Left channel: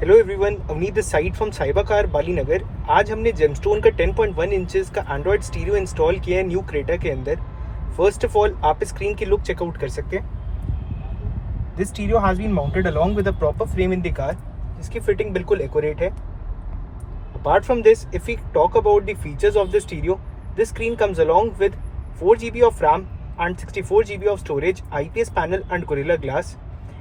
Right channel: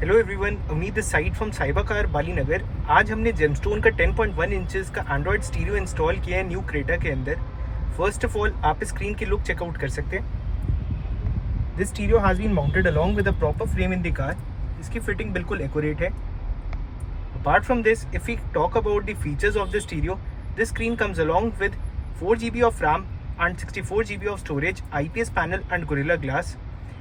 Hello everyone, Avneet this side from cyber car Bali Nagar. आज हमने gemstone का 10.1 इंचेस का एंड्रॉयड स्टीरियो इंस्टॉल किया है न्यू क्रेटा के अंदर। फर्स्ट ऑफ ऑल आप स्क्रीन की लुक चेकआउट कर सकते हैं। This stereo has been mounted along with a proper frame in the car. इसकी फिटिंग बिल्कुल एक्यूरेट है। Apart from this, if we talk about the features of the stereo, this screen comes along with 4 GB of RAM and 64 GB of storage, IPS panel and Gorilla Glass.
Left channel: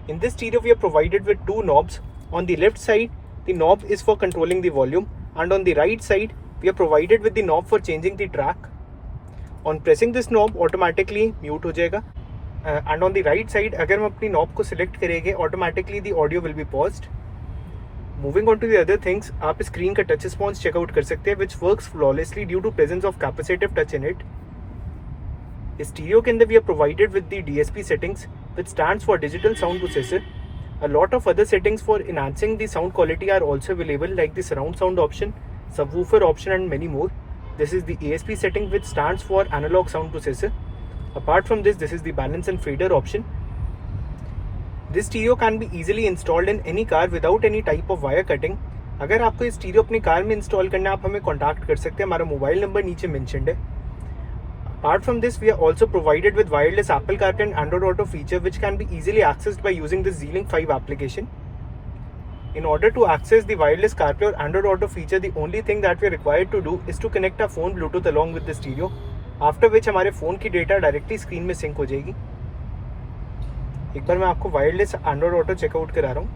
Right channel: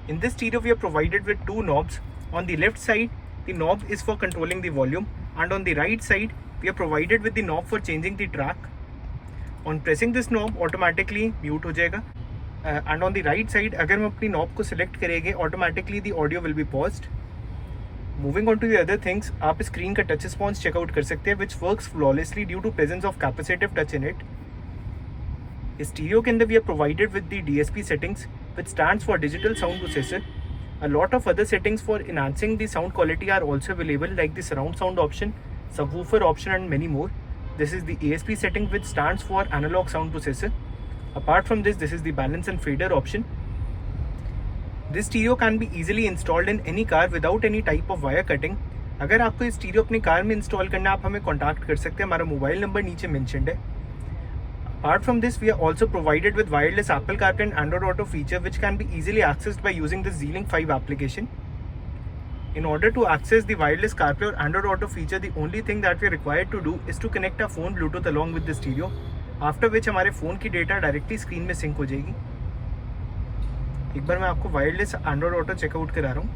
In this stereo, we are provided with two knobs. On the left side, the knob is for controlling the volume, and on the right side, we are provided with the knob for changing the track. On pressing this knob, automatically mute हो जाएगा. And on the right side, अगर हम अपनी knob को select करेंगे, automatically the audio will be paused. Moving on to the other things, आप screen का touch response checkout कर सकते हैं, which works flawlessly due to presence of capacitive touch in it. इस स्टीरियो के अंदर we are provided with the DSP settings, which stands for Digital Sound Processor. A lot of other settings for enhancing the sound quality are also available, like the surround sound option, subwoofer option and many more. This is the ASP setting, which stands for Analog Sound Processor. Apart from this is the balance and fader option. This stereo can be easily installed in any car without any type of wire cutting. अगर आपको ये stereo अपनी car में install करना है, आप हमें contact कर सकते हैं। हमारा मोबाइल नंबर नीचे मेंशन्ड है। Apart from this, we are also provided with wireless Apple CarPlay and Android Auto feature, which can be easily accessed by using the Z-Link 5 application. In order to access the wireless CarPlay or Android Auto feature, the only thing that we are required to do is to connect our phone Bluetooth along with the stereo, after which हमारे phone की data directly screen में sink हो जाएगी। एक बार मैं आपको wireless Android Auto checkout करा रहा हूँ।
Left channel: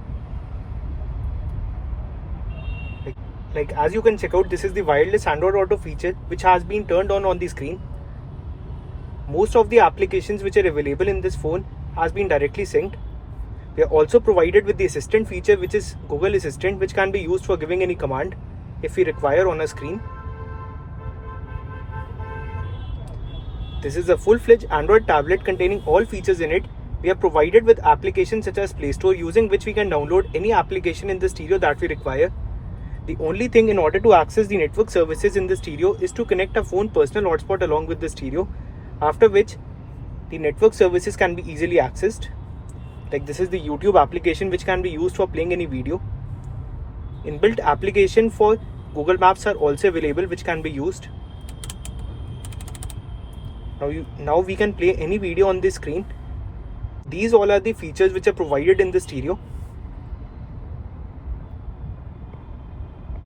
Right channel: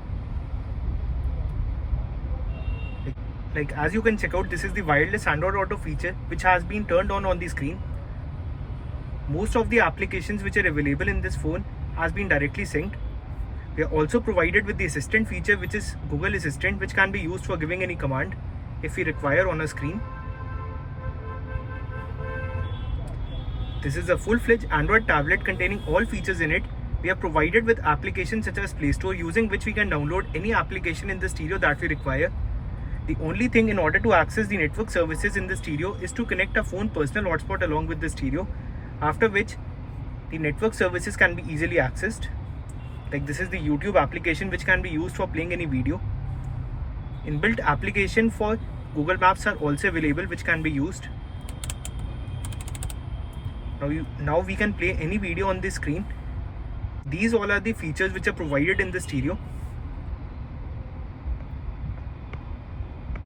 Like as you can check out, this is the wireless Android Auto feature which has been turned on the screen. Most of the applications which are available in this phone has been directly synced. They are also provided with the assistant feature, which is Google Assistant, which can be used for giving any command if we require on a screen. This is a full-fledged Android tablet containing all features in it. We are provided with applications such as Play Store, using which we can download any application in the stereo that we require. The only thing in order to access the network services in the stereo is to connect a phone personal hotspot along with the stereo, after which the network services can be easily accessed. Like this is the YouTube application which can be used for playing any video. Inbuilt application for Google Maps are also available, which can be used. Now we can play any video on the screen. These all are the features which are provided in the stereo.